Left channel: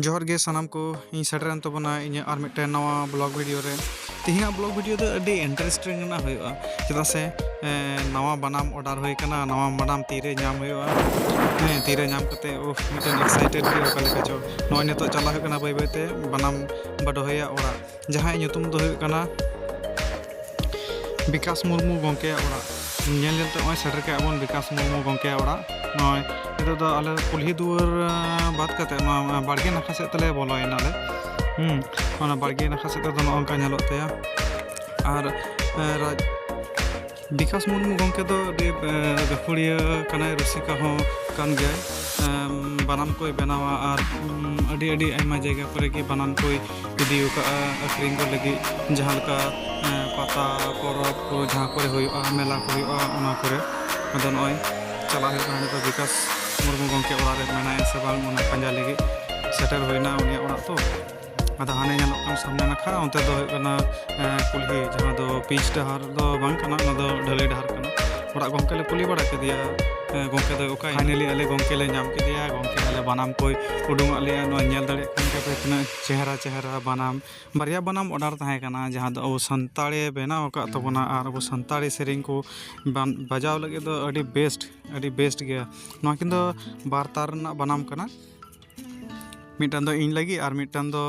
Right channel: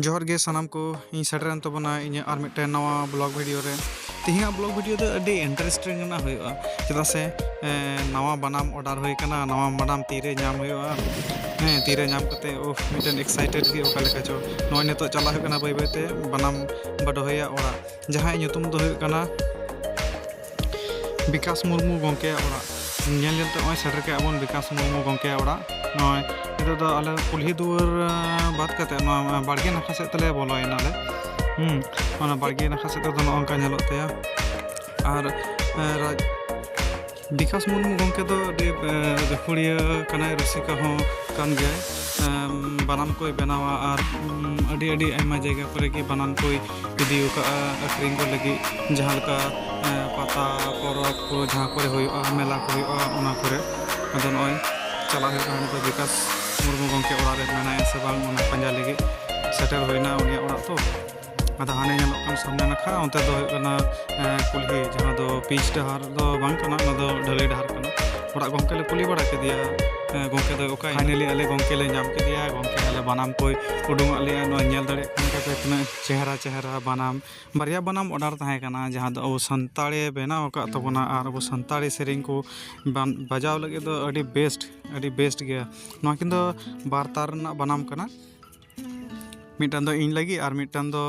जोहर गे सानाम को इन Saturn तबना in are mitten नवा blog video रे तिहिंगा ब्लॉग वीडियो दो अडी इंटरेस्टिंग ना हुआ चेदा से नवा बनाम ऑर्डर होई कना नवा बनाम तीरे नाम हुआ तीरे नाम कते मिटन एक्साइटेड गे ओका लेका चो नय नितो चला हुई कना बाय बायते बनाम बडोहया ओरा जहां nyutum दो हुई कना विकास मुर्मू गंके ओरा नेल नेलते ओय सेटर के अबन विकास मुर्मू गंके ओरा नय इतो दो आले कुल्ही दुवर बात कते न बाड़गे नाखा से तले बोलोयना ले ओना बाड़गे नाखा से तो नोंका नेलोत तया आर विकास मुर्मू गंके दो गफुड़िया कनाय रसिका हो कान गया बनाम कोई बनावा और अड़ी अड़ी आयमा जगह पर की बनाम कोई इदी का अखरिंग को लगी जहां का पाता परब को जहां करे होया मेला को होया ओना करे अदन ओय चला है कहानी तो विकास मुर्मू गंके ओड़ा रे मेना से बांग ओना पंजा लगी सेटल होइना उनिया ओड़ा तो आदा हाने नेलोक कान सामने नखा ओनते दो कना कुल्ही जहां दो पीच डहार दो बांग कना ना दो ढलई डहार कना ओड़ा गंके ले कुली बड़ा के दिया गंके दो ओका फाइनली आले गंके ले नाम के दिया गंके आले बनाम कोई उडुंग आले नो नेल दड़े कन के पे तना चेहरा चेहरा बनाम बारिया बनाम ऑर्डर ताहे कना जहां दो संताड़ी बेनाव का तबना आर अब संताड़ी सेरिंग को बजाव लगे दो अडी बेस्ट गया नो किन दो बारतार ना बनाम कना मिटान दो इन लगी और मिटान दो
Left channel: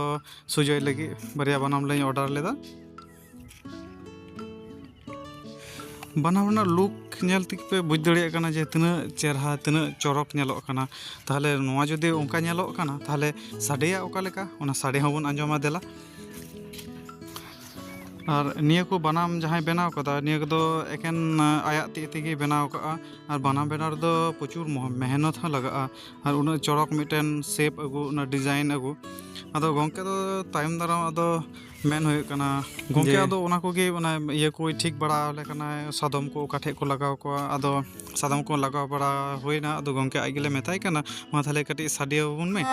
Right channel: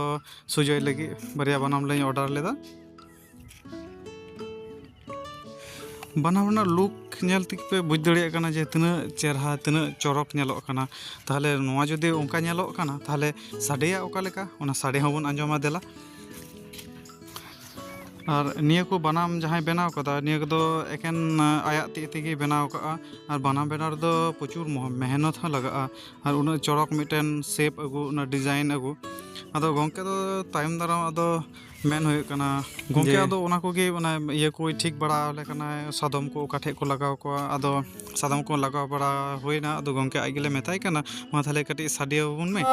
सुजय लगी बारिया बनाम ले ऑर्डर लेदा बनावना लुक नेल तिक पे बुझ दड़िया कना जे तना चेहरा तना चौरक नेलोक कना ताहले नोआ जदि ओंका नेलोक कना ताहले साडेया ओका लेका ओना साडे होबन आंजोमा देला और निया को बनाम जहां बनाव कदा निया को एकेन आया तिगे बनाव का और बनाम बनाव दो प्रचुर मेहनत ह लगा और उन चौरक मिटन शेप अगु उन डिजाइन अगु अदो गंके दो तायम दाराम अदो मेन होय कना गंके अदो ओना को गे ओना ये कोई ठीक बड़ा ले कना सादम को काठे को लगाव को अदो सादम को लगाव बड़ा होइना अदो गंके आई गेले मेताय कना मा थाले कटी साडिया बुन में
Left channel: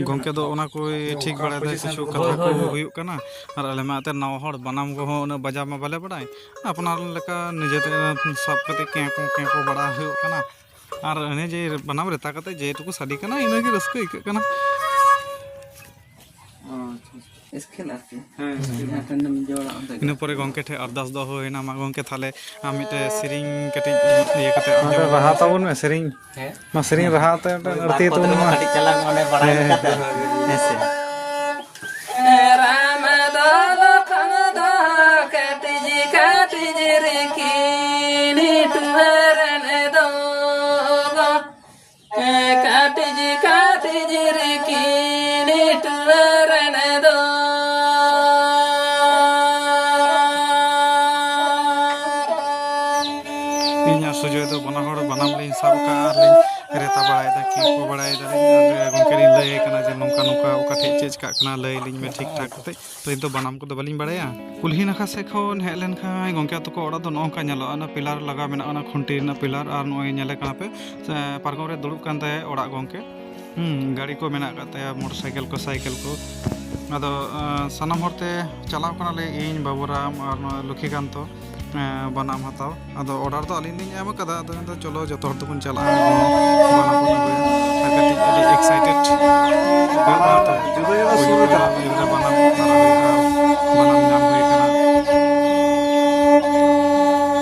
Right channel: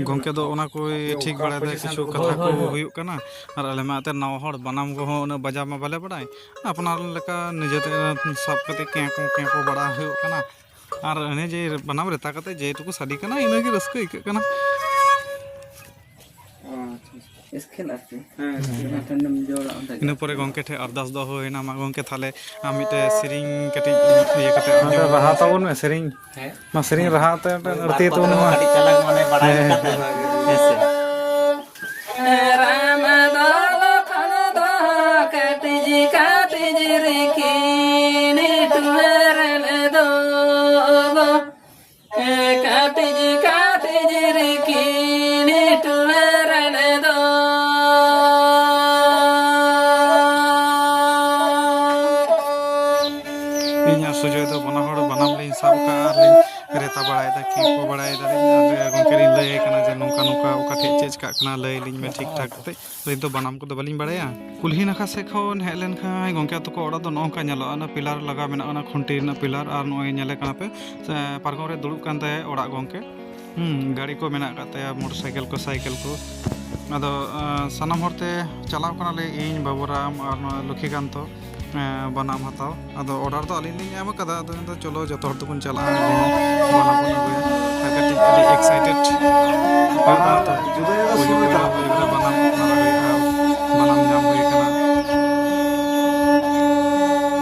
गंके दो ओना कोई ठीक बड़ा दे किछु कथा को हुयुक कना और आले माते नाव हड़ बनाम को हो बजा मा बाले बड़ाय अपना लेका निजेते सब कते के को बड़ा हुयुक कना और अने जे बनाम रेता कते जे टुकु साडी कना इना के रस्क इक कना इन पर गंके ठे अरदास दो होइना मा गंके थाले मिटे सेरिंग कटी ये कते अंजम रहा ताबन में सेरिंग मा सेरिंग रहा ता ती तो कटी चला माने बड़ा कता ऐसे राम दाल कन दा कटी जी रे की नी तुहर ले दो कटी जी रे की नी तुहर ले दो सुजय दो बना हड़ बनाम ले साब का आर ले रेता बड़ाय दा की को बड़ाय दा गंके री लय कना जे नोंका नोंका ओका ठे चेज का कना लय लिኝ में ठीक ठाक कते तो इन तो बनाम को दो बलिኝ बड़ाया कुल्ही नखा से खन हे लेन खाय गंके तो को ओड़ा दो नोंका नेलो ना पिलर लगा मेना ना खुंटी ना पिलर आर नोय नेले कना पे पारगम रे दुड़ुब कान ताय ओड़ा गंके गाड़ी को मेना का ताय मोटरसाइकिल को साइकिल को अदो सनम हरते चलाव कना ले इन बाबूराम और लक्ष्मीकांत बनाम हताव अदो ऑर्डर तो अलिन लिኝ एम कदा अदो तो चलो जतो हर दुबन चला बनाम बन होया और कटी अडी एक्साइटेड होता तो जुदा जुदा सुविधा इबरे बनाम नारा होया बनाम नाम होय कना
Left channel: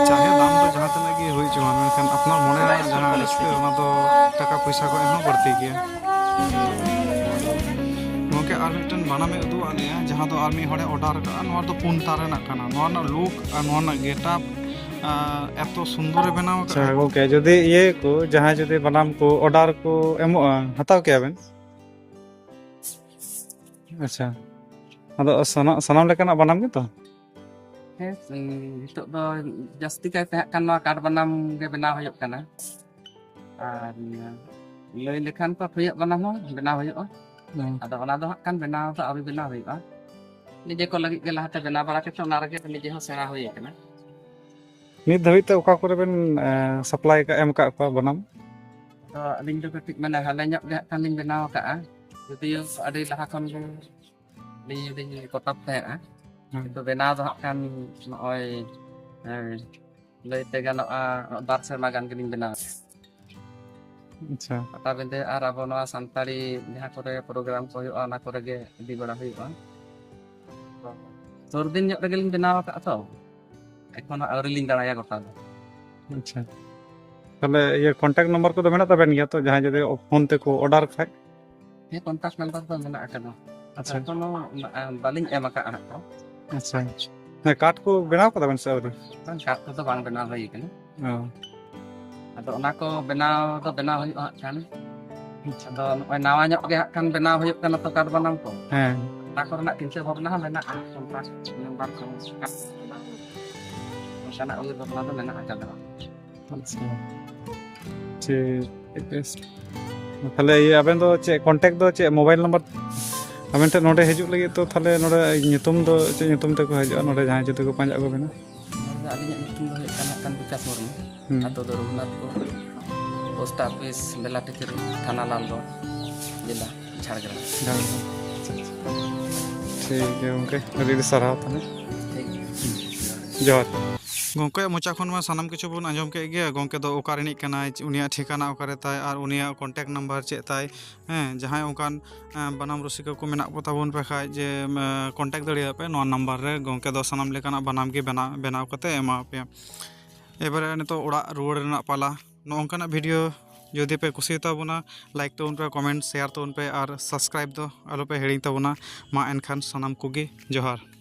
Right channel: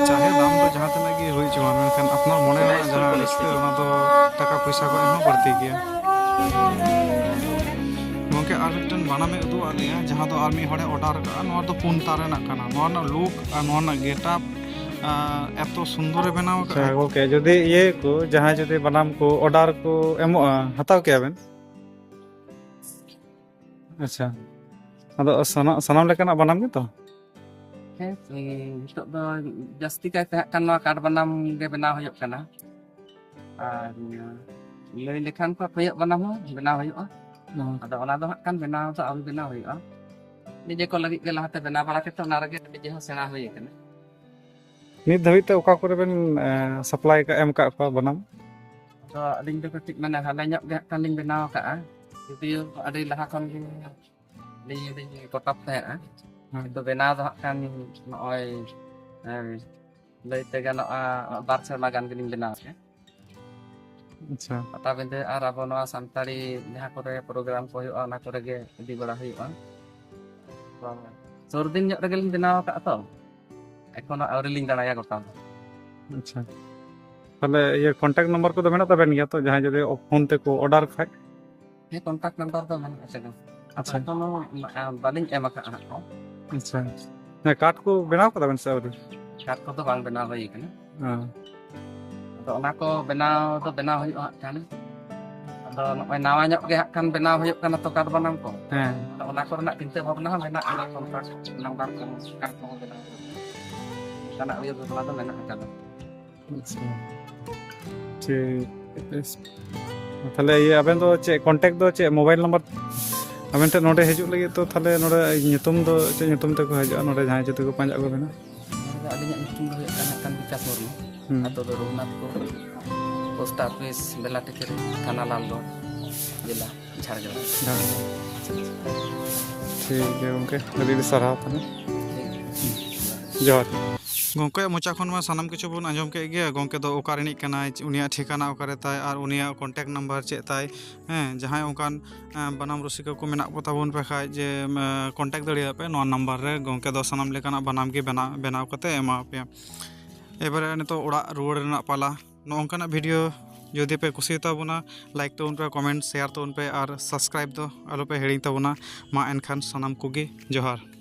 चाहे दाम तो जहां तने की होई जवान मेनखान अपना मने जहां रस्ते ओना तो टाका पैसा को एम बढ़ती गया गंके आर मिटन बनामे उदु आलिया जहां दो आर्मी हड़े ऑर्डर का नोर दो पुन तारे ना कना नोर ना लुक और नोर ना गेटअप एतो सुंदर बनाव का ओके जदी ये को जहां जदी बनाम को ऑर्डर को एमो हताव के आबेन अच्छा अदो सनाम लेकना बनाम के तो नितो दो जस्ती का kan ᱱᱚᱣᱟ ᱠᱟᱴ ᱵᱟᱱᱟᱢ गे बनाव होय कना और लय लेखान को होय बनाम हो बनाव होय अदो ओना दो kan बनाव तो अभी बनाव होय निजे को लगी के लाते बना बड़ा के तो ना रगे निजे हो सेना हुई कना नित धाबित ते ओका करे बेन सप्लाई का एम का बनाम तो अलिंग जो कटिक माने हाना nyok ge kan ling बनाव का यदि अदि लहा खन नि कोटप ते तो बनाव तो kan नय लैते गानोआ बार सेरमा गान गेलिं बनाव के अच्छा पता बिंदे आर अब नवा सानताली जहाँ करे प्रोग्राम को हुआ ना करे गे इदी बड़ा हुआ सुर दिन nyok rege ling बनाव का तो एखोनो आउरी लिंग दाड़ाया गोटा अच्छा ताले ये कांटेक्ट नंबर को तो मेना तबेन गया तो जहां जदे फोन ते को ऑर्डर खाय ये कांटेक्ट नंबर तो मेना आकना अच्छा एखोनो बालिंग एम का को अच्छा ने कार्ड को बनाव का तबेन से अवधि कार्ड को तो बांग बनाव हुई कना हां अदो ओना को बनाव तो बनाव हुई kan अदो नय नावा nyok ge kan बनाव हुई कना तो कार्ड बनाम को हां तो ओना को ना चिंता भावना मेना कांटेक्ट नंबर kan को sana uyu तो मेना आकना अच्छा ठीक थाले ये अबेन दो चे कांटेक्ट दो चे मोबाइल नंबर अबेन ते नोडे हिजुक लगी तो थाले नोडे nyutum दो चे nyutum te को हजो नोडे जहां जते को पांजा को बेना atau rumah post office bela tiket tanah lambo जिला झारखंड ठीक है ओके अभी सराह जोहर गोंके मोचा खन मा सानाम किछु बन आंजम के गया गोंके दो ओकार रिनिक कनाय उनिया ठिकाना ओकारे ताय और उनिया कांटेक्ट नंबर चे ताय हैं जहां ओकान बनाम रसिका को मेना को ताबन पे खाय जे कांटेक्ट दड़िया पे नो नंबर रे गोंके दो सानाम लेकाना बनाम के बनाव कते एमा पे एबारे नितो ओड़ा रुवाड़ रेना पाला नोंकाना वीडियो यदि पे कुसी ताबुना लाइक तो उन पे कमेंट शेयर तो उन पे और सब्सक्राइब दो आलो पे हेडिंग ताबुना मा एनखान सानाम कोगे जोहार।